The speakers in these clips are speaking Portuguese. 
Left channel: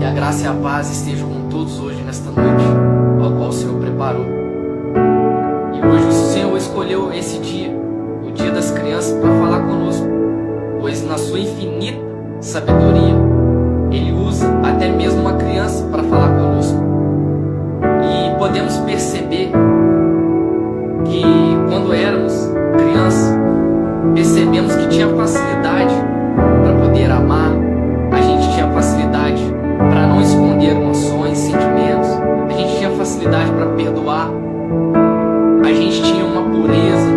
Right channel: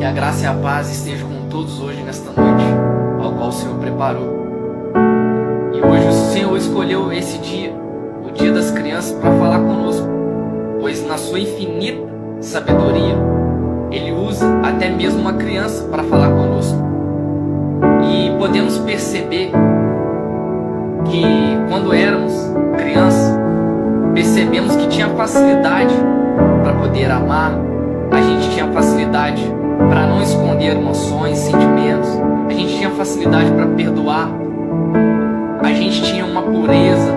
Que a graça e a paz estejam com todos hoje nesta noite, ao qual o Senhor preparou. E hoje o Senhor escolheu esse dia, o Dia das Crianças, para falar conosco, pois na sua infinita sabedoria, Ele usa até mesmo uma criança para falar conosco. E podemos perceber que quando éramos crianças, percebemos que tinha facilidade para poder amar, a gente tinha facilidade para não esconder emoções, sentimentos, a gente tinha facilidade para perdoar, a gente tinha uma pureza,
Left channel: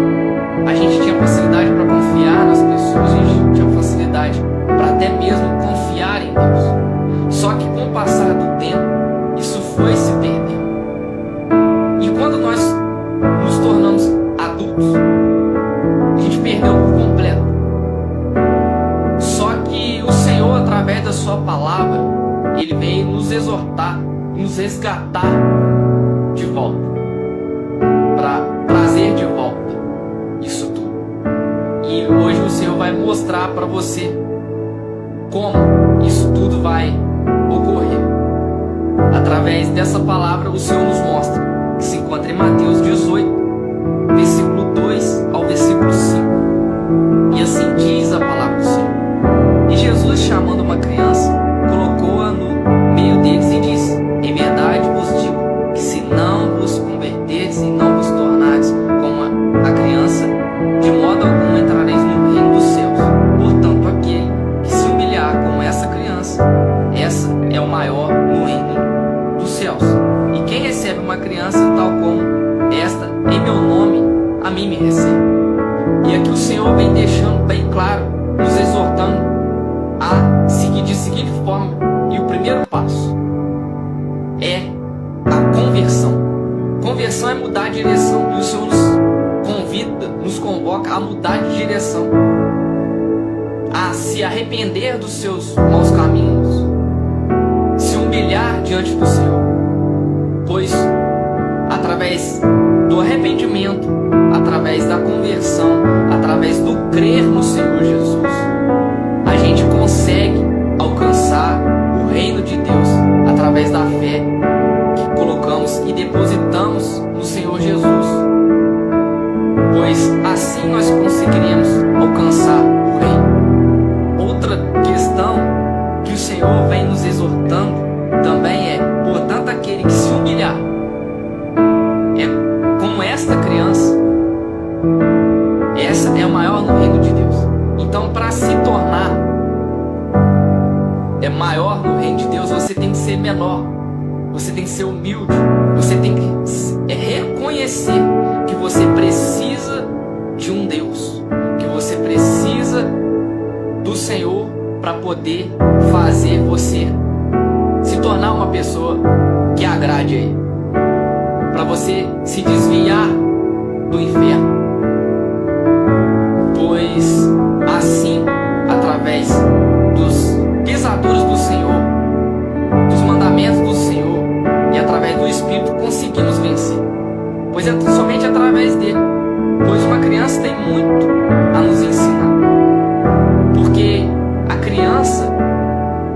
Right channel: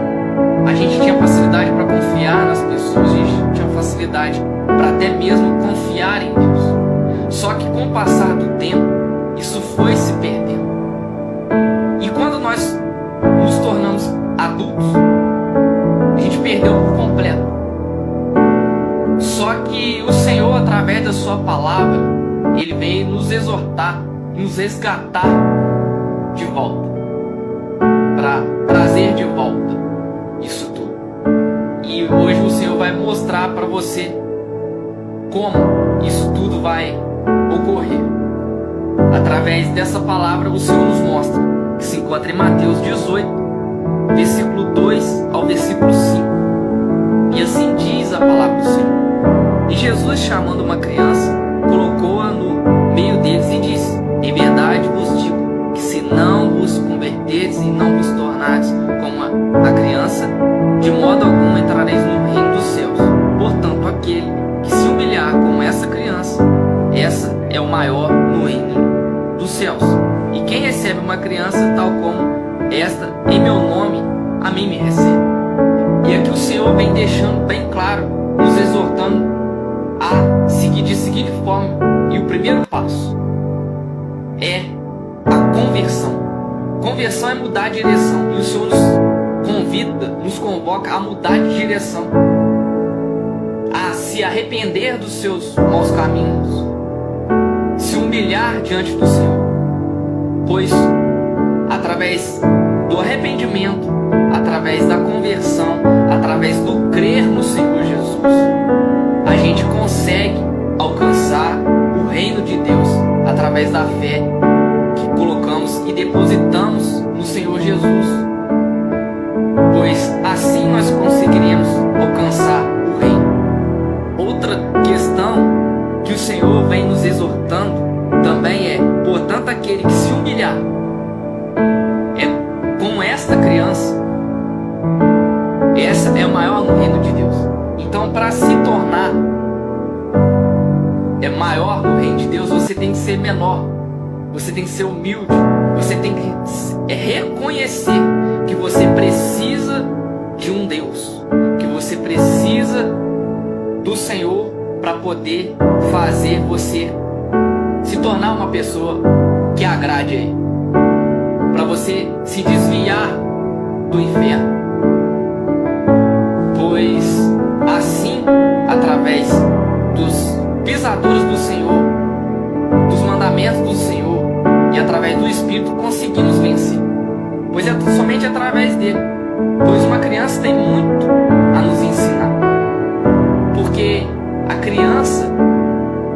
a gente tinha facilidade para confiar nas pessoas, a gente tinha facilidade para até mesmo confiar em Deus. Só que com o passar do tempo, isso foi se perdendo. E quando nós nos tornamos adultos, a gente perdeu por completo. Só que o Senhor, através da sua palavra, Ele veio nos exortar, nos resgatar de volta, para trazer de volta isso tudo. E hoje o Senhor vai mostrar para você como isso tudo vai ocorrer. Através dessa palavra, o Senhor nos mostra, que se encontra em Mateus 18, versículo 2 ao versículo 5. E assim diz a palavra do Senhor. E Jesus, chamando uma criança, colocou-a no meio deles e disse: em verdade vos digo, que se não vos converterdes e não vos tornardes como a criança, de modo algum entrareis no reino dos céus. Portanto, aquele que se humilhar como essa criança, essa é o maior no reino dos céus. E quem recebe uma criança tal como esta, em meu nome, a mim me recebe. E aqui o Senhor vem deixando bem claro, nos exortando a seguir de seguinte forma. E o primeiro passo é a conversão. Conversão é mudar de direção. E o Senhor nos convida, nos convoca a mudar de direção, a se arrepender dos seus maus caminhos, se humilhar diante do Senhor, pois através do arrependimento, através da conversão, através do crer no Senhor Jesus, a gente consegue alcançar o reino de Deus através da fé que colocamos e depositamos no Senhor Jesus, pois assim nós conseguiremos alcançar o reino. Outra questão que o Senhor vem nos exortando também é: portanto, aquele que se humilhar é como esta criança, essa é o maior no reino de Deus. Então, para se tornar maior no reino de Deus, você tem que ser menor, você tem que ser humilde, você tem que reconhecer que você precisa de um Deus, que você precisa do Senhor para poder fazer você se tornar uma pessoa que agrade a Ele, para você se desviar do inferno, pois assim, através dos pesaduros do Senhor, dos mandamentos do Senhor e através do Espírito, conseguimos vencer, pois é somente através dele, pois uma criança tem muito a nos ensinar, porque a criança,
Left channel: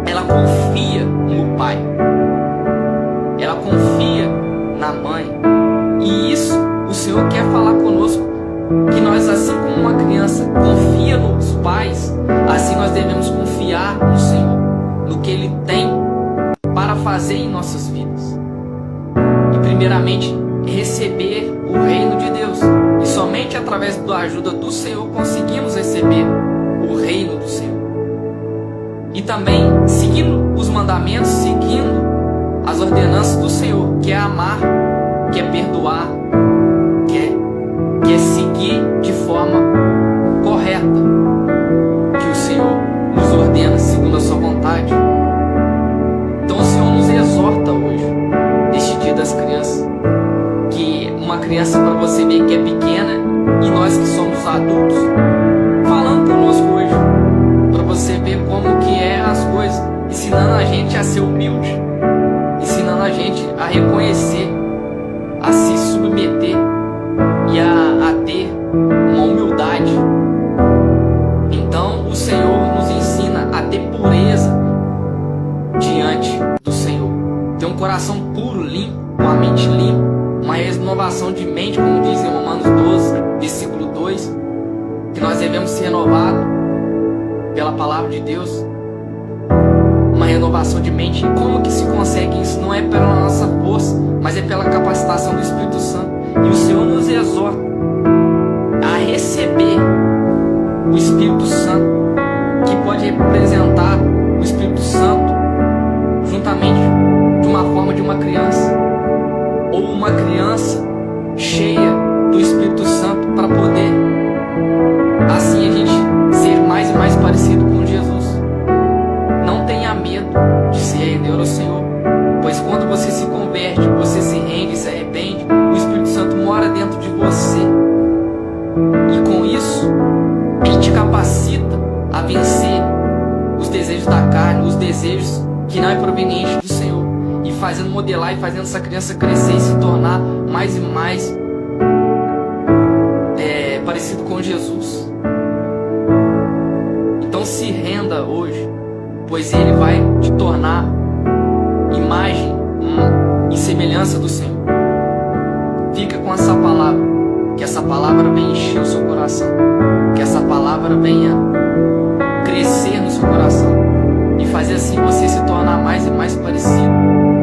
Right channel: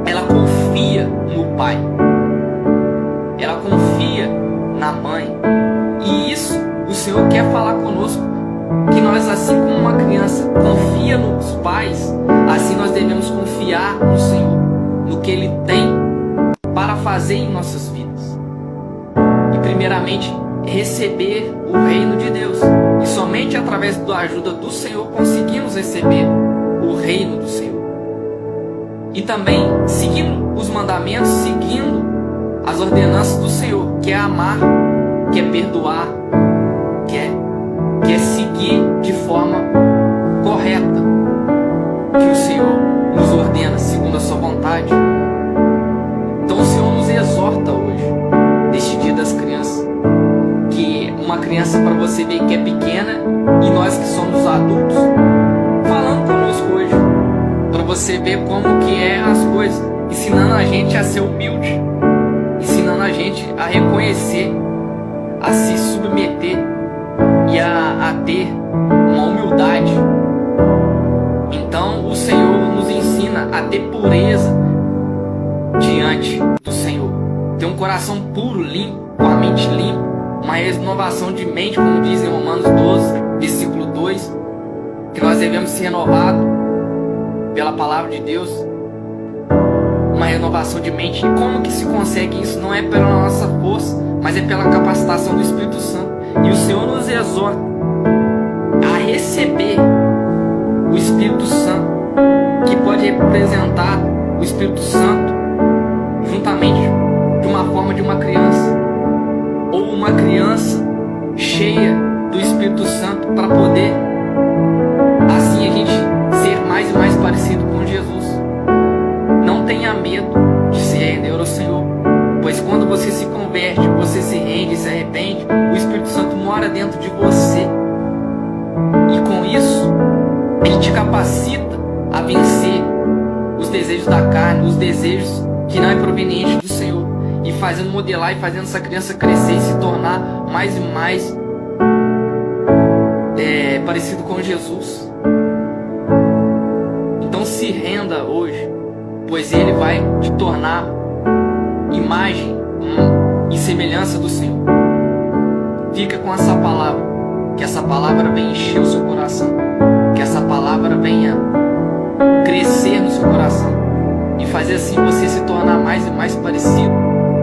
ela confia no pai, ela confia na mãe, e isso o Senhor quer falar conosco, que nós, assim como uma criança confia nos pais, assim nós devemos confiar no Senhor, no que Ele tem para fazer em nossas vidas, e primeiramente receber o reino de Deus, e somente através da ajuda do Senhor conseguimos receber o reino do Senhor. E também seguindo os mandamentos, seguindo as ordenanças do Senhor, que é amar, que é perdoar, que é seguir de forma correta, que o Senhor nos ordena segundo a sua vontade. Então o Senhor nos exorta hoje, neste Dia das Crianças, que uma criança, para você ver que é pequena, e nós que somos adultos, falando conosco hoje, para você ver como que é as coisas, ensinando a gente a ser humilde, ensinando a gente a reconhecer, a se submeter e a ter uma humildade. Então o Senhor nos ensina a ter pureza, diante do Senhor. Ter um coração puro, limpo, com a mente limpa, uma renovação de mente, como diz em Romanos 12, versículo 2, que nós devemos ser renovados pela palavra de Deus. Uma renovação de mente. E como que se consegue isso? Não é pela nossa força, mas é pela capacitação do Espírito Santo. E o Senhor nos exorta a receber o Espírito Santo, que pode representar o Espírito Santo juntamente de uma forma de uma criança, ou uma criança cheia do Espírito Santo, para poder assim a gente ser mais e mais parecido com Jesus. Não tenha medo de se render ao Senhor, pois quando você se converte, você se rende, se arrepende, o Espírito Santo mora dentro de você, e com isso ele te capacita a vencer os desejos da carne, os desejos que não é proveniente do Senhor, e fazendo modelar e fazendo essa criança crescer e se tornar mais e mais parecido com Jesus. Então se renda hoje, pois Ele vai te tornar imagem e semelhança do Senhor. Fica com essa palavra, que essa palavra venha encher o seu coração, que essa palavra venha crescer no seu coração e fazer assim você se tornar mais e mais parecido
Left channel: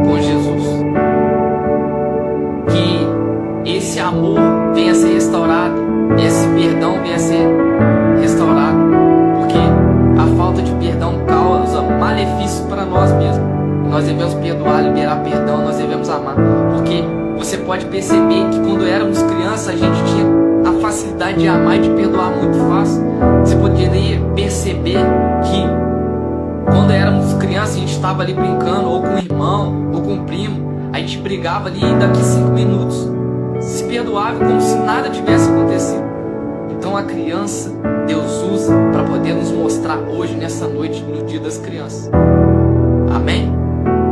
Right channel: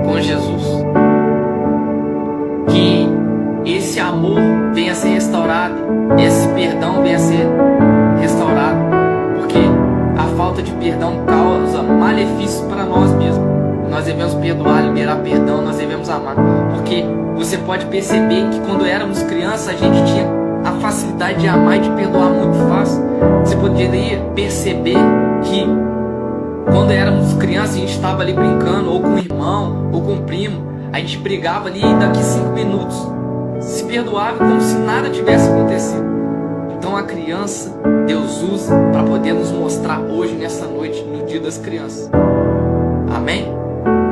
com Jesus. Que esse amor venha a ser restaurado, esse perdão venha a ser restaurado, porque a falta de perdão causa malefícios para nós mesmos. Nós devemos perdoar, liberar perdão, nós devemos amar, porque você pode perceber que quando éramos crianças a gente tinha a facilidade de amar e de perdoar muito fácil. Você poderia perceber que quando éramos crianças a gente estava ali brincando, ou com o irmão, ou com o primo, a gente brigava ali e daqui 5 minutos se perdoava como se nada tivesse acontecido. Então a criança Deus usa para poder nos mostrar hoje, nessa noite, no dia das crianças. Amém?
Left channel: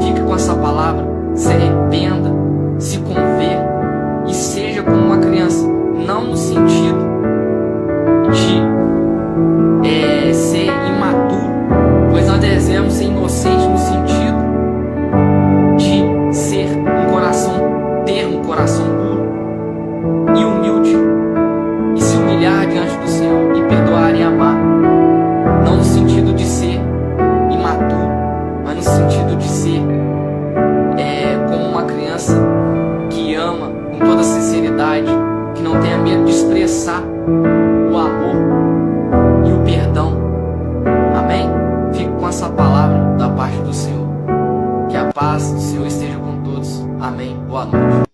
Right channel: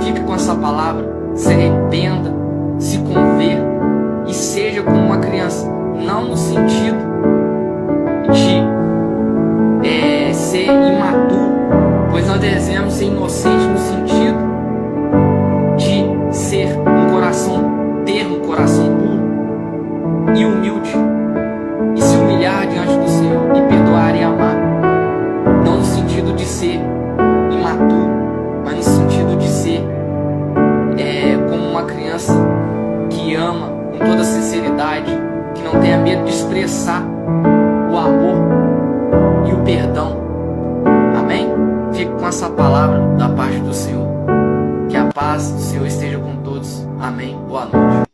Fica com essa palavra, se arrependa, se converta e seja como uma criança, não no sentido de ser imaturo, pois nós devemos ser inocentes no sentido de ser ter um coração puro e humilde, e se humilhar diante do Senhor, e perdoar e amar, não no sentido de ser imaturo, mas no sentido de ser como uma criança que ama com toda sinceridade, que não tenha medo de expressar o amor e o perdão. Amém? Fique com essa palavra da parte do Senhor. Que a paz do Senhor esteja com todos. Amém. Boa noite.